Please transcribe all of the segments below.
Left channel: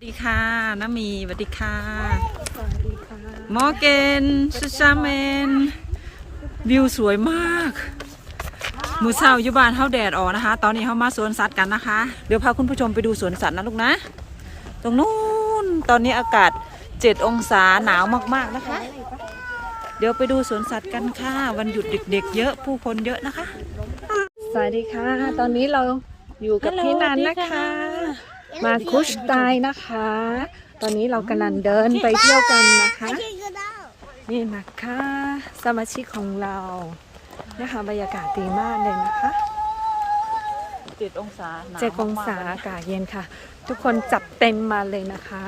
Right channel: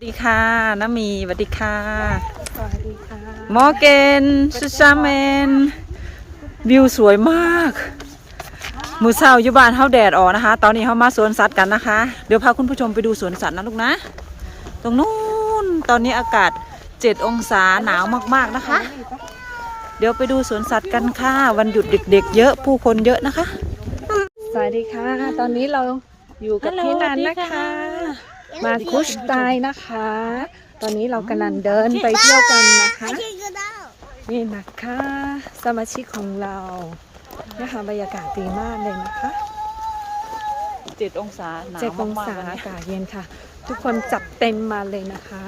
สวัสดีค่ะน้ามีสวัสดีค่ะสวัสดีค่ะมอร์เกนซูซาเมนวิวสวยมาก มือเช้าอยู่บ้านเฮาแดดออกนะคะ ตอนนี้เฮามาสวนสัตว์กันนะคะ เดี๋ยวพาคุณผู้ชมไปดูสวนสัตว์นะลูกนะ ตรงนู้นตอนนี้อากาศ7องศาหนาวมากๆนะคะ เดี๋ยวไปดูสวนสัตว์กันค่ะ วันหยุดเด็ก ๆ เยอะผู้คนเยอะนะคะ สวัสดีค่ะ ตอนนี้เราอยู่กับฮัลโหลพี่นันสวัสดีนะค่ะคะ มาคุชไตนะคะ ตอนนี้เรากำลังเดินไปเที่ยวกันนะคะ นี่นะคะ สมาชิกของเรานะคะบรรยากาศดีมากเลยนะคะ7องศาหนาวเจ็ดองศาอากาศเย็นค่ะ ทุกคนจับเต็มมาเลยนะคะ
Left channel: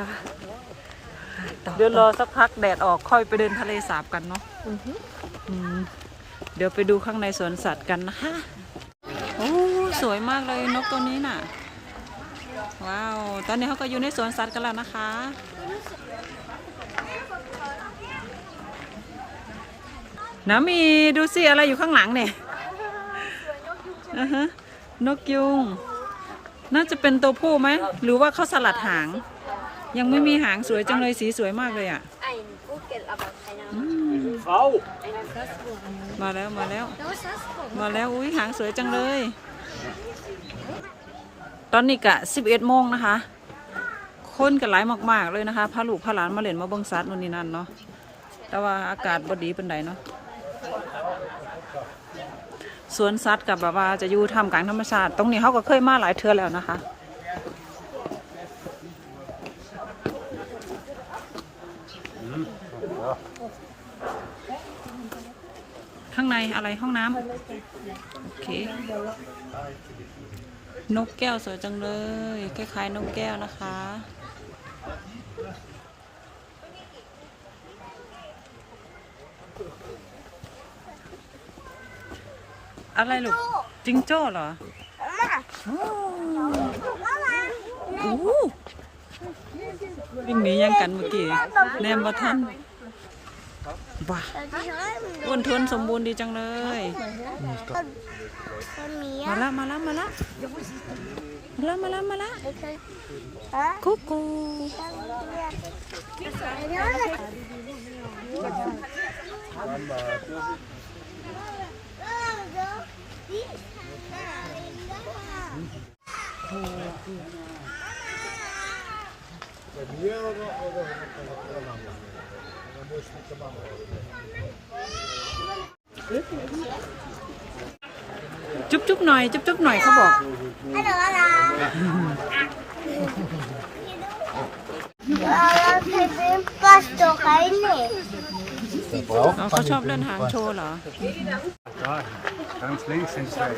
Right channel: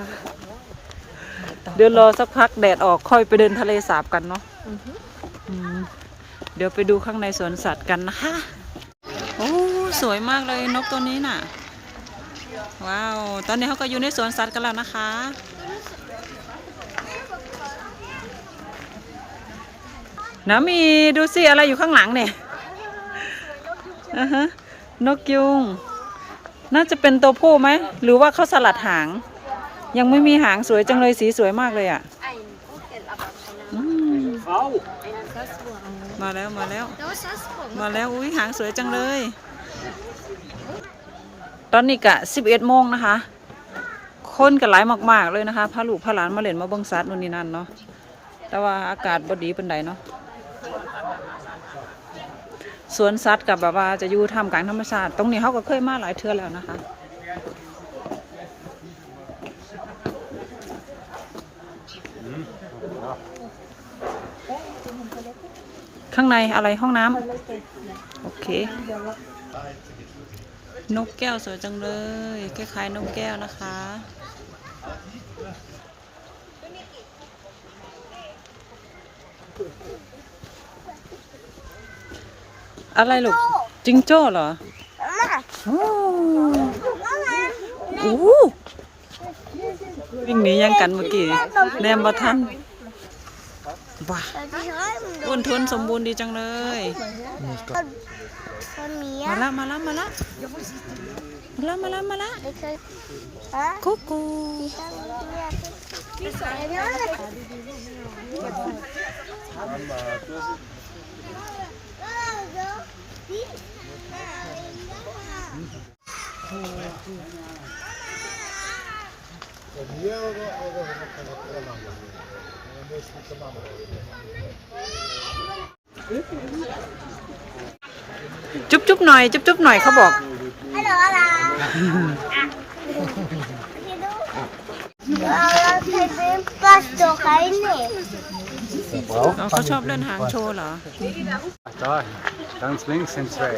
ต่อเดี๋ยวรอสักพักแดดออกค่อยไปเดินทะเลสาบกันเนาะอือฮึอืมเดี๋ยวไปดูข้างในสวนสัตว์กันนะคะ โอ้ สวยมากเลยนกตัวนี้น่ะ ว้าว ตอนนี้เขาก็อยู่ในสวนสัตว์กันแล้วนะคะ น้ามีดูสิอะไรอยู่ข้างหลังเนี่ยอ่าฮะนกยุง น่าจะเป็นตัวผู้ไหม หรือว่าเขาสลัดหาง ยังไม่มีหางสวยจังเลยสีสวยมากเลยอะอืมมาแล้วมาแล้ว มาแล้วอุ้ยหางสวยจังเลย ตอนนี้กะ11โมงนะคะ คนกันหลายมาก ๆ เลยนะคะพาลูกพาหลานมาเล่นมาเบิ่งสัตว์นู่นนี่นั่นเนาะแต่ว่าอากาศบดีเป็นไดเนาะสวนสัตว์กับแบบว่าจะอยู่ท่ามกลางธรรมชาติ ตรงนี้เขาก็เคยมาหลายเทื่อแล้วนะคะข้างในอะไรห้องน้ำโอเค นกแก้วสวยจังเลย คล้ายๆ นกแก้วนะคะ อะไรลูกจิงโจ้เหรอโอ้โอ้วิ่งหนียังกันเมื่อกี้แนมบ่ทันว้าอ้วนทวนสมบูรณ์ดีจังเลย มาละมาละมาละมาละมาละมาละกุ๊กกูจุ๊บจุ๊บหน่อย จุ๊บจุ๊บหน่อยเขาบอก Halo, halo. Kalau saya pasto kayak ini. อ๋อเขาชอบเล่นหางโชว์เหรอ Da, ganz links sind zwei.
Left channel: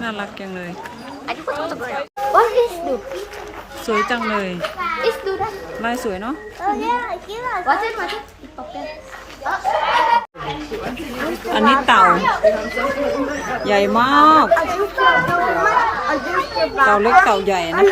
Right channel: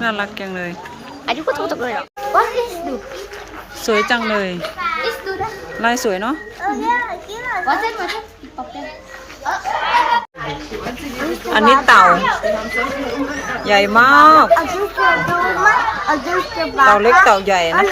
น่ารักจังเลย Wat is dit? สวยจังเลย Is dit dat? ลายสวยเนาะ Oh ja, gila. Wat is wat? Ik pak dat. อันนี้เต่า ใหญ่มาก เต่าเล็กเต่าใหญ่นะ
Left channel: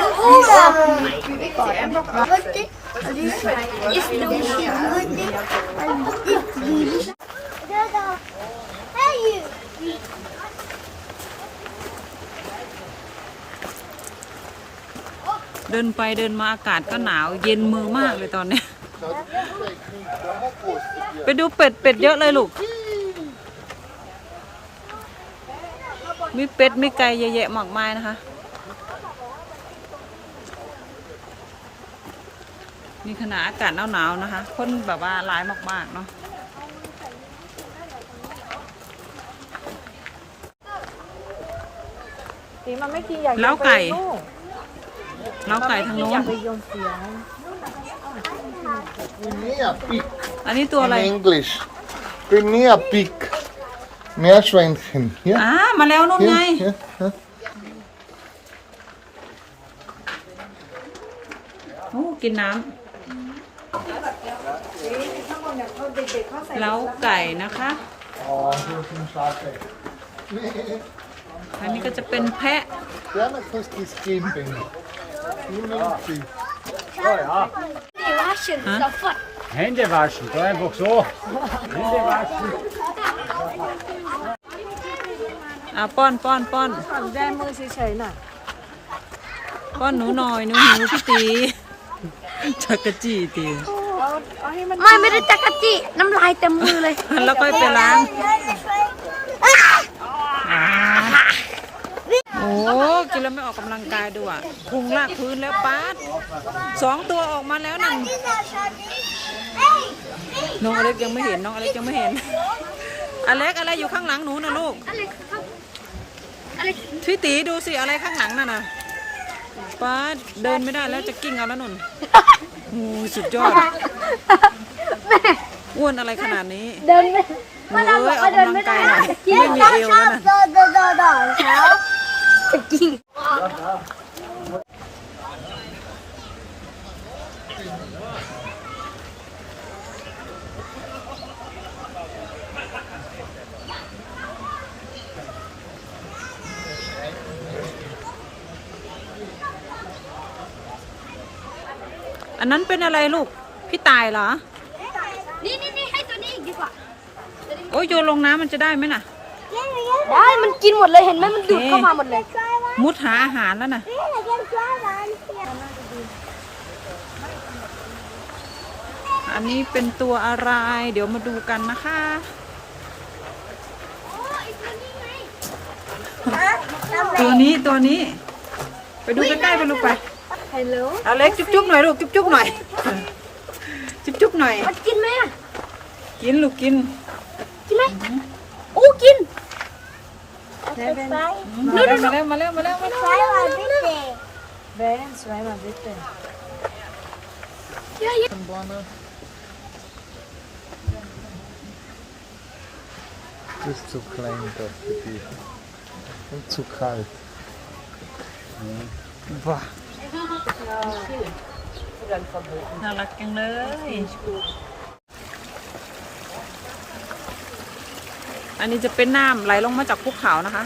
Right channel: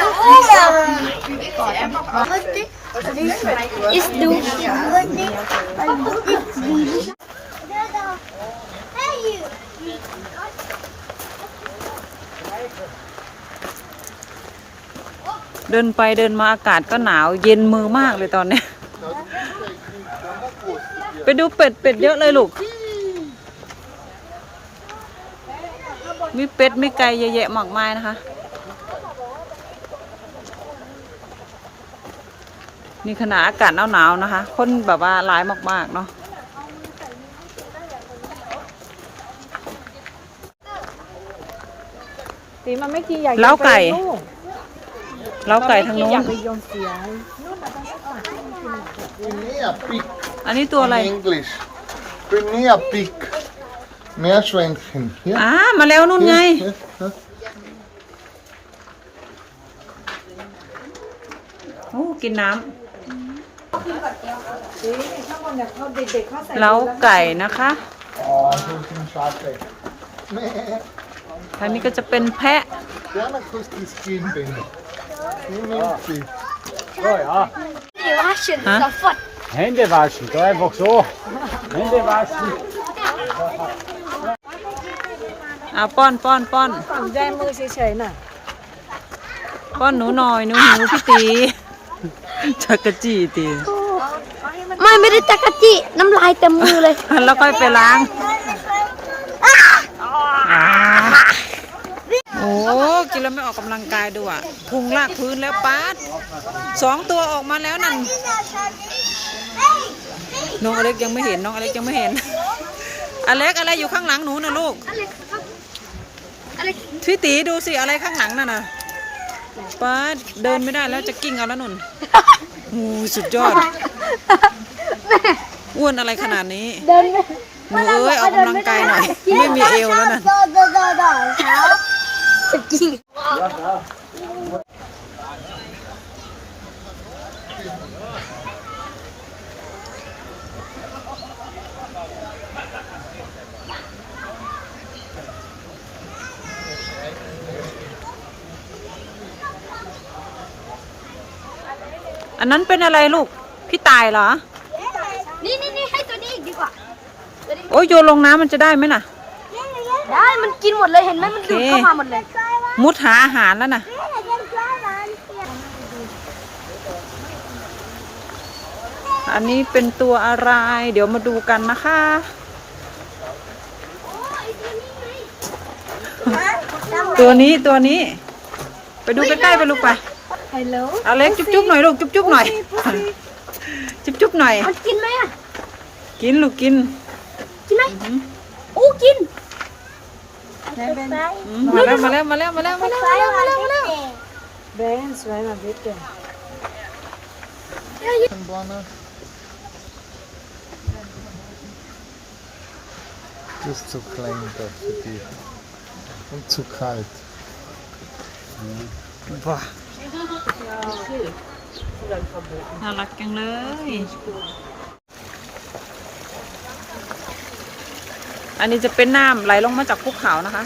เดินไปเดินมาอากาศก็หนาวเย็นมือมากเลยตอนนี้ ไปดูเป็ดเป็ดเยอะเลยลูก มีเป็ดมีไก่เยอะแยะมากมายนะคะนี่ขณะอากาศหนาวๆนะคะ คนแบบว่าหลายมากๆเนาะสีมันไม่กินอยากเล้าไก่ เล้าไก่ทางโน้นยงเสียว Guinea pig อันนี้ตัวอะไร in English. Guinea pig. Meerschweinchen. Hier. อ่ามาแล้วนู่นไง Hier, hier, hier. โอ้กินน้ำเล้าไก่นะคะ Oh, zo is een schaapje. อันนี้ก็จะเป็นแพะ Gerne kost die skimping. Die neemt sie. Die waschen Huh? sofort. Hände waschen, da einfach so. Hände waschen. อ่าป้อนป้อนป้อนแบมือเฉยๆน่ะป้อนหนูหน่อยหนูหิวพี่ตีจักรจี้ตีไม่ไม่ได้จักรจี้น้ำลายเต็มมือเลย แล้วค่อยไปล้างอ่าโอ้ กินแล้วไม่ออกกำลังกายด้วยอะพุงลากพื้นแล้วป้าดสองตัวออกมาแล้วนั่นน้องอเล็กยังไม่เห็นน้องอเล็กยังไม่เห็น อเล็กอะไรอยู่ข้างหลังหนูนะลูกพี่ตีดูสิอะไรข้างหลังนั่นน่ะป้าดเดินไม่ได้แล้วจะกิ้งเอาแล้วนุ่นโอ้ยสุดยอดอ้วนอะไรขนาดนี้เดินไม่หนูเอ้ยออกกำลังกายหน่อยไม่มีเอวแล้วน่ะ กรจี้อันนั้นเป็นอะไรลูก พี่ตายเหรอ นี่นี่นี่ให้ตัวนี้อีกดีกว่า โอ้ยโยนลงน้ำมันจะได้ไหมน่ะ ได้ มันกินหมดเลยเห็นไหมมันดูดเข้ามาหมดเลย มุดหาอาหารแล้วน่ะอันนี้เป็นตัวอะไร เดี๋ยวมาดูกันนะคะตัวนี้ตัวนี้ ไปดูใกล้ๆไปลูกไปฮัลโหลเอาเล็กจุ๊บๆหน่อยลูกจุ๊บๆหน่อย จุ๊บๆหน่อยมันกินไหมอะกินลูกกินกินไหมโอ้กินอื มมาแล้วมาแล้วมาแล้วมาแล้วมาแล้วไปแล้วมาแล้วมาแล้วเบนสวยมากเด็ก Blana. Just zu klein dafür die. Und zu kalt. ว้าน่ารักจังเลย อันนี้จะเป็นน้ำไหลลงมาจากภูเขานะคะ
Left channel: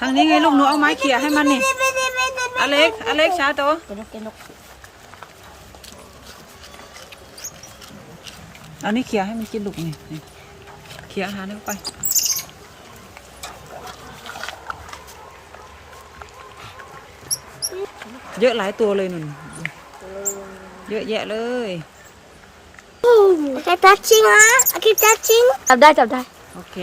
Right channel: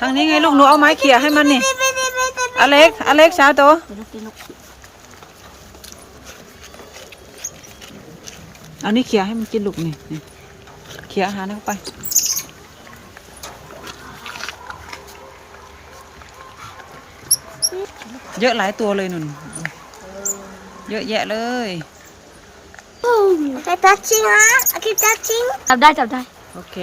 ทางนี้ไงลูกหนูเอาไม้เขี่ยให้มันนี่ อเล็ก อเล็กช้าโตว เอานี่เขี่ยให้มันกินลูกนี่นี่เขี่ยอาหารให้เข้าไป เยอะหลายตัวเลยนุ่น เยอะแยะเลย Keep touching อะ Keep touching จับได้จับได้ โอเค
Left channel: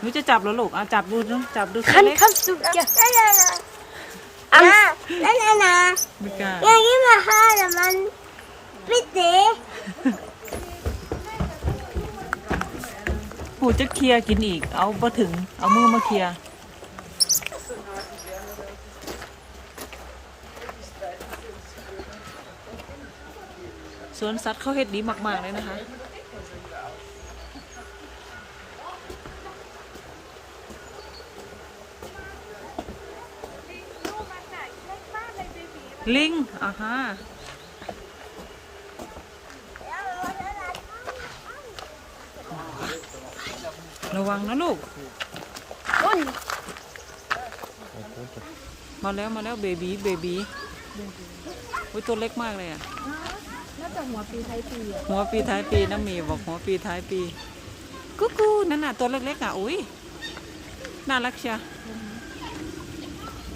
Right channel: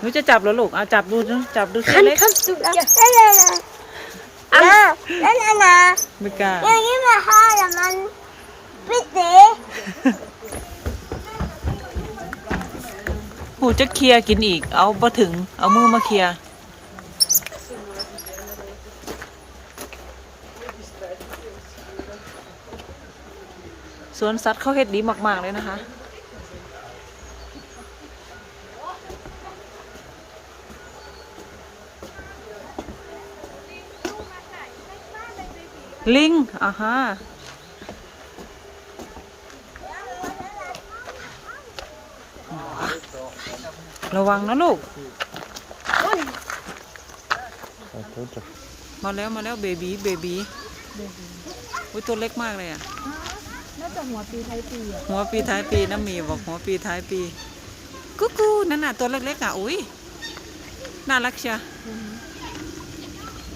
หนูจะจับเหรอลูกเอาจับดูนะจับดูสิคันเล็กคันสุดยอดนั่นน่ะนั่นน่ะนะไม่กล้าอย่างนี้มาห้าแต่มันปิดเตะ หูจะเคลียร์กินอีก เอาพอถึง เอามือมาเคลียร์สวนสัตว์เขาเฮ็ดดีมาก ๆ เลยนะคะ ลิงอ่าฮะ ระวังนะลูกมาแล้วมาแล้วเบบีเบบีอุ้ยตัวเล็กมากเลยอะน่าจะหัวปีไทยปีอะหัวปีท้ายปีน้ำหมีบอกหัวปีท้ายปีกุ๊กกูนั่นน่ะตัวเล็กๆอะอุ้ยน่ารักเชีย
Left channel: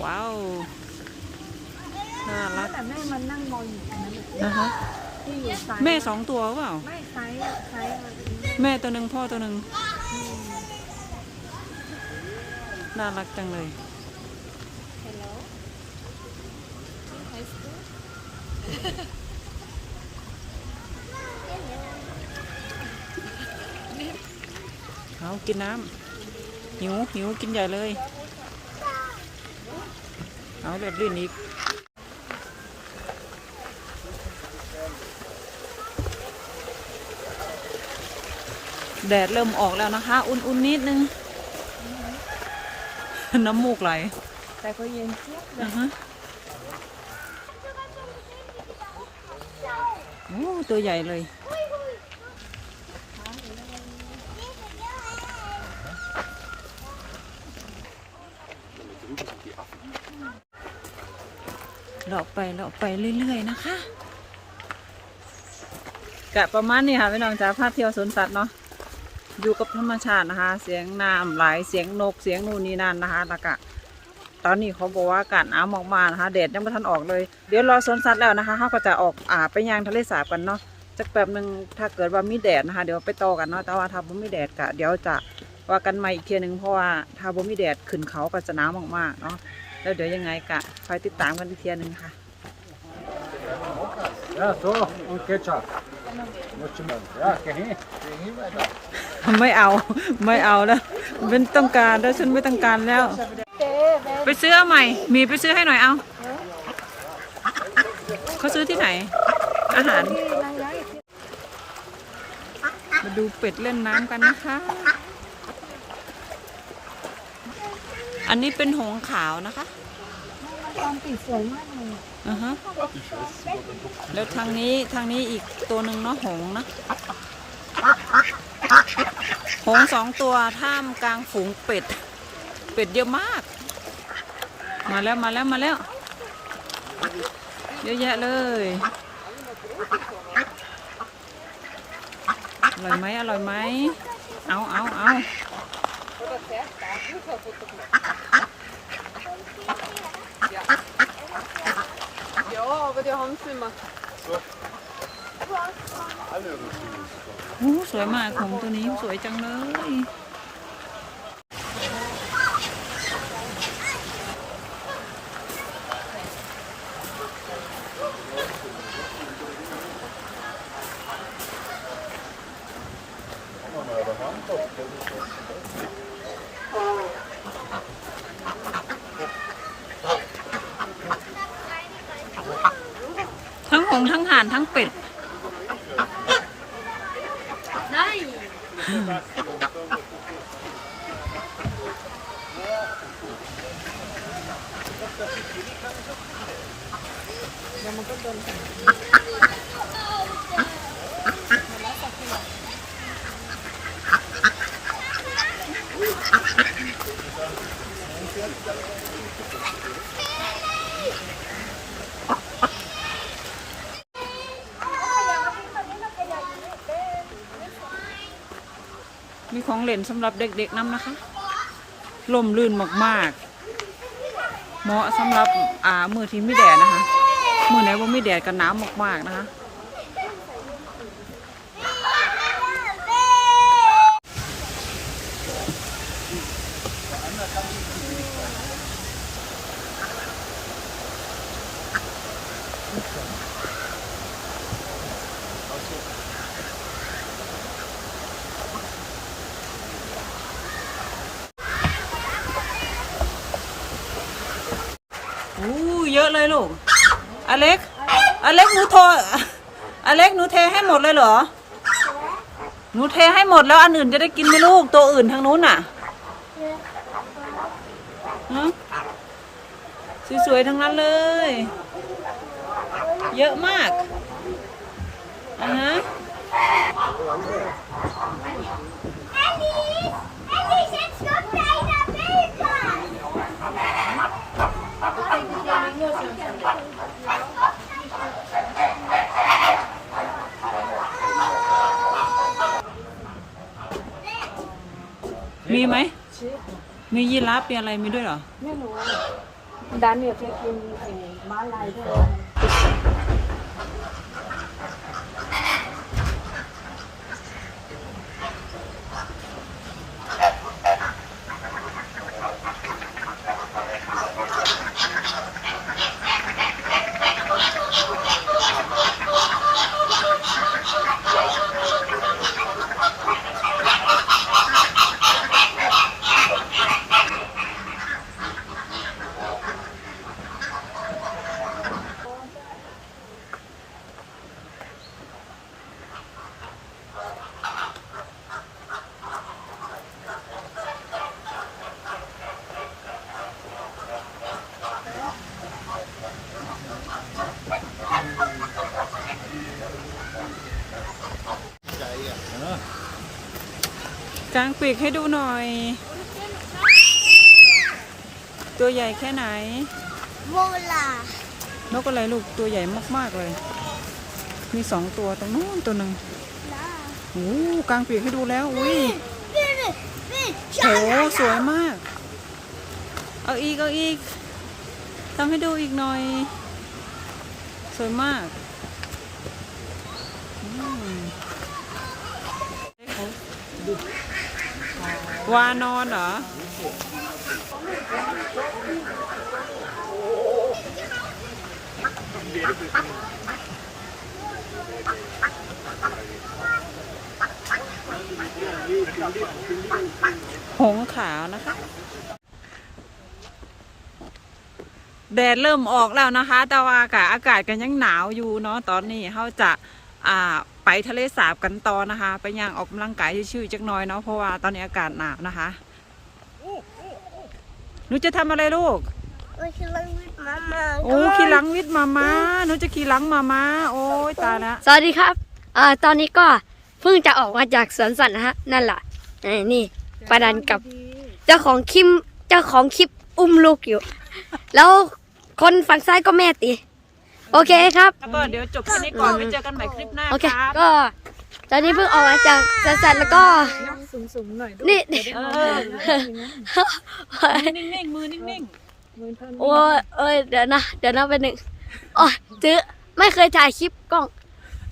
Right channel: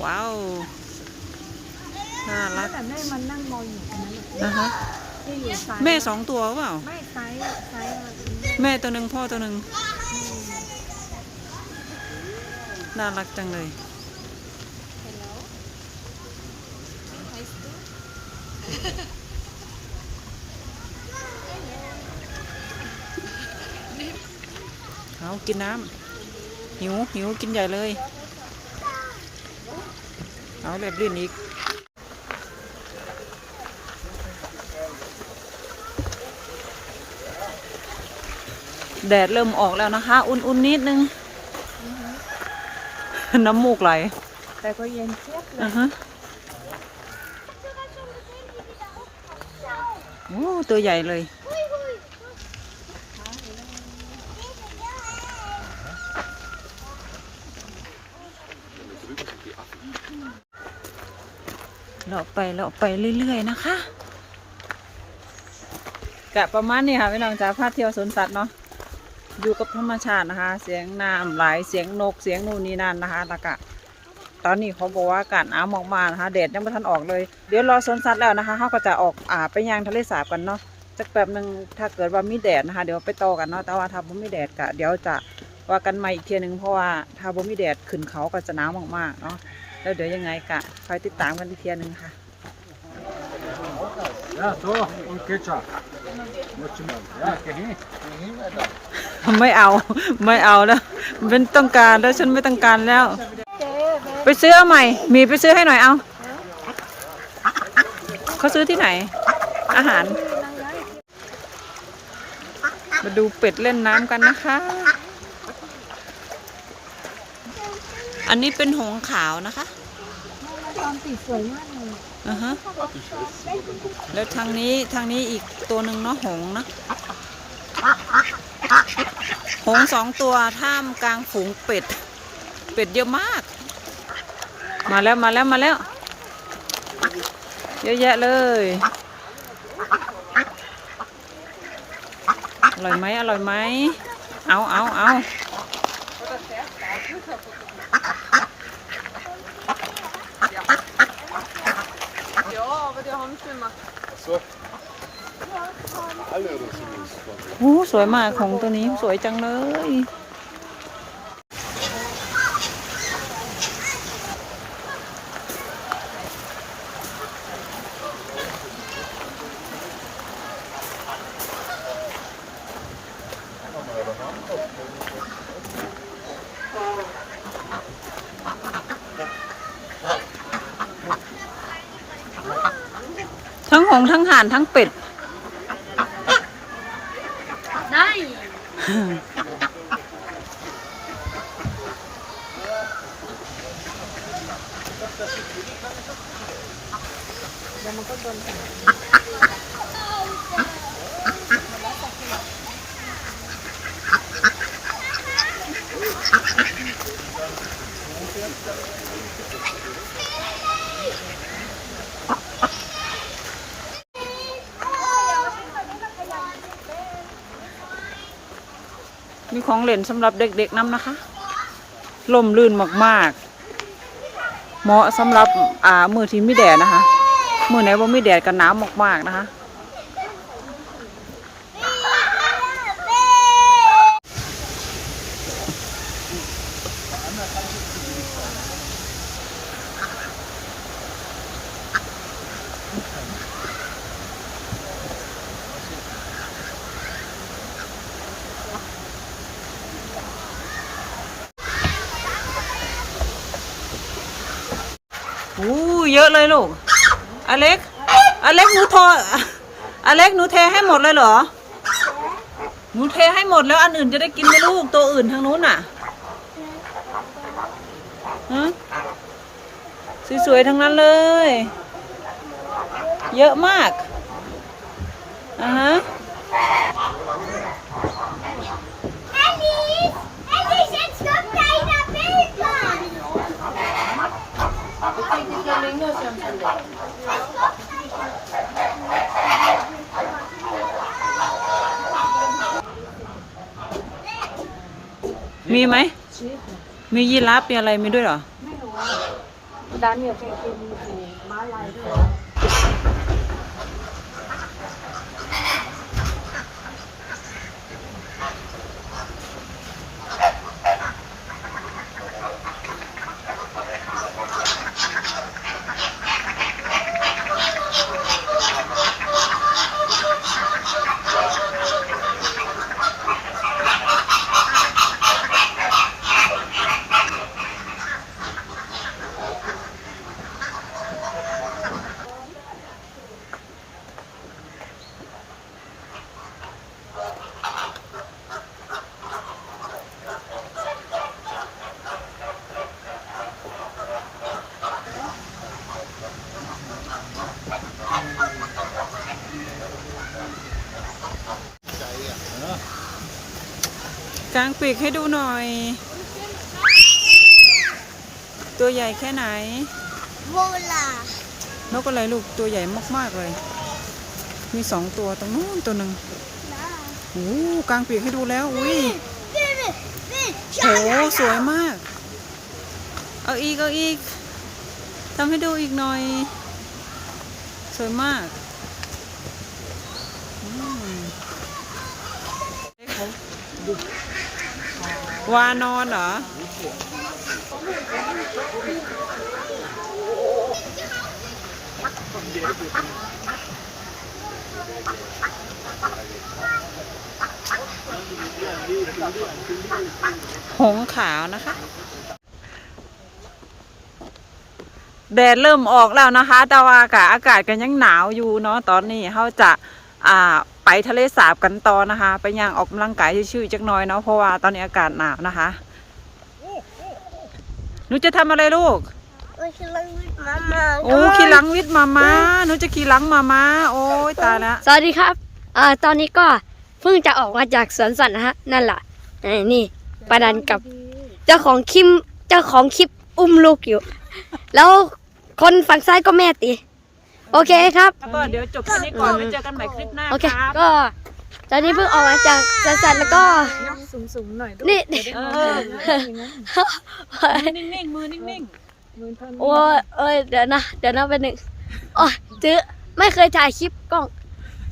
ว้าวน่ารักแต่แม่มันนั่งมองอยู่ตรงนั้นเลยนะคะที่อยู่ซ้ายแม่สองตัวเปล่าไม่ซ้ายซ้ายอะไรตรงนี้แม่ตัวหนึ่งพ่อตัวหนึ่ง น่ารักจังเลย เอากินน้ำหิวหิวกินใหญ่เลย เอาแบบลื่นอีกแดดเริ่มออกแล้วนะคะ อุ่นๆนิดนึง น้ำมูกไหลแต่ก็เย็นเชียบเลยโอ้ตัวใหญ่เลยเลาะไปเลาะไปเรื่อย ๆ นะคะกะประมาณนี้ค่ะพี่น้องจ้าพาเที่ยวสวนสัตว์เนาะ อยู่กับธรรมชาตินะคะ เสียงน้ำไหลเสียงนกเสียงนู่นนี่นั่นนะคะแล้วก็ตอนนี้เขาบอกว่าอากาศหนาวมากๆนะคะแดดยังไม่ทันออกเลย เดี๋ยวรอสวนสัตว์แล้วนะคะเขาก็จะออกอ่าไปย่างทะเลสาบกันเนาะจักแบบหนึ่งถ้าเกิดว่ามีแดดนะคะ เดี๋ยวไปต่อกันเนาะแต่ว่าถ้าบ่มีแดดกะเดี๋ยวจะว่ากันใหม่อีกเทียหนึงเพราะว่าถ้าบ่มีแดดขึ้นเขาก็จะหนาวมากๆเนาะแล้วเดี๋ยวยังไงกะคอยติดตามกันอีกเทียหนึงค่ะ ไม่เอาไม่เอาแล้วเป็นต้องการแล้วฉันไม่ต้องการแล้ว ไปซื้อเอาใหม่ มีไปซื้อให้หน่อยเอาเขาซื้อที่ไหน อาหาร มาดูเป็ดเล่นน้ำกันนะคะ อันนี้เป็นหงขาวนะคะตอนปีสว ยมากเลยอือฮะแล้วทางนี้ทางนี้อีกตัวหนึ่งเนาะหงนะ หงสองตัวท่ามกลางฝูงเป็ด เป็ดเยอะมาก มาแล้วมาแล้วมาแล้ว เยอะแยะเลยอร่อยไหมอร่อยไหมเอาเอาเอา โอ้สวยมากของตัวนี้สวยจังเลย ทั้งห ทั้งห่านทั้งเป็ มีของเล่นสำหรับเด็กๆน้ำนะคะลมลื่นมากๆ เหมาะสำหรับอ่ามือที่มีแดดนะคะ มือไหนว่ามีแดดกันน้ำมากๆนะคะ อู้เยอะเลยลูก อเล็ก อเล็กหนูโทรอเล็กหนูเทให้หมดเลยเหรอ หนูเทให้หมดแล้วอันอื่นจะได้กินไหมลูก ตัวอื่นทางนู้นน่ะฮะสวยๆทั้งนั้นเลย เยอะมากอ่าฮะ มีไหม มียีราฟมีอะไรมีด้วยเหรอ ไม่รู้ดันอยู่เช็คอิน กางปีกให้ดูหน่อย ตัวใหญ่แค่ไหน Voila! นกอะไรลูกตัวใหญ่มากๆเลย มีสองตัวตรงนู้นตัวหนึ่งโอ้กลางปีกให้ดูแล้วอุ้ยโหสวยมาก เอาอีกเอาอีกทำให้ดูอีกหน่อย สวยมากอืม วานอนเหรอ หงขาวนะคะ แดดเริ่มออกแล้วนะคะ แต่ว่าอากาศอากาศกันยังหนาวอยู่เนาะตอนนี้เขาจะ อ่าไปทะเลสาบกันต่อนะคะ ไปย่างออกกำลังกายชื่อๆจักหน่อยเนาะเพราะว่าตอนนี้อากาศหนาวนะคะหนูจะทำอะไรลูกโอ้ยคือลังวิทมามาโอ้ขี่หลังวิทย์มามาหนูจะขี่หลังมามาโอ้ยตายแล้วสวัสดีครับอ่าตอนนี้ก็เพิ่งจะออกมาจากสวนสัตว์นะฮะนั่นแหละไอ้นี่ประดันกับเจ้าของคลิปเจ้าของคลิปอุ้มลูกอยู่ แล้วคนฝั่งซ้ายก็แม่ตี โอเคครับก็เดี๋ยวจบแค่นี้ก่อนไปเจอกันใหม่คลิปหน้าโอเค ครับก็ตอนนี้เพิ่งออกมาจากสวนสัตว์แล้วก็สูงๆหน่อยด้วยนี่ เออนิ่งๆมือนิ่งโอ้ยเอ้ยเดี๋ยวนะ เดี๋ยวนะเป็นหนึ่งอ๋อจื้อไม่เคยถ่ายคลิปกล้อง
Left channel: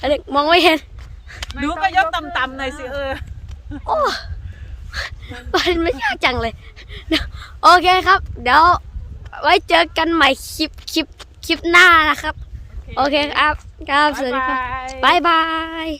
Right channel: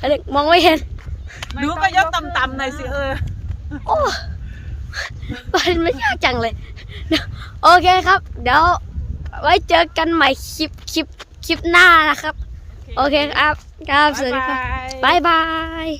อะไรมองไม่เห็นๆหนูก็ยกต่ำๆหน่อยสิเออ โอ้มันไม่ยากจังเลยเดี๋ยวโอเคครับ เดี๋ยวไว้เจอกันใหม่คลิปคลิปคลิปหน้านะครับ โอเคครับครับสวัสดีครับบ๊ายบาย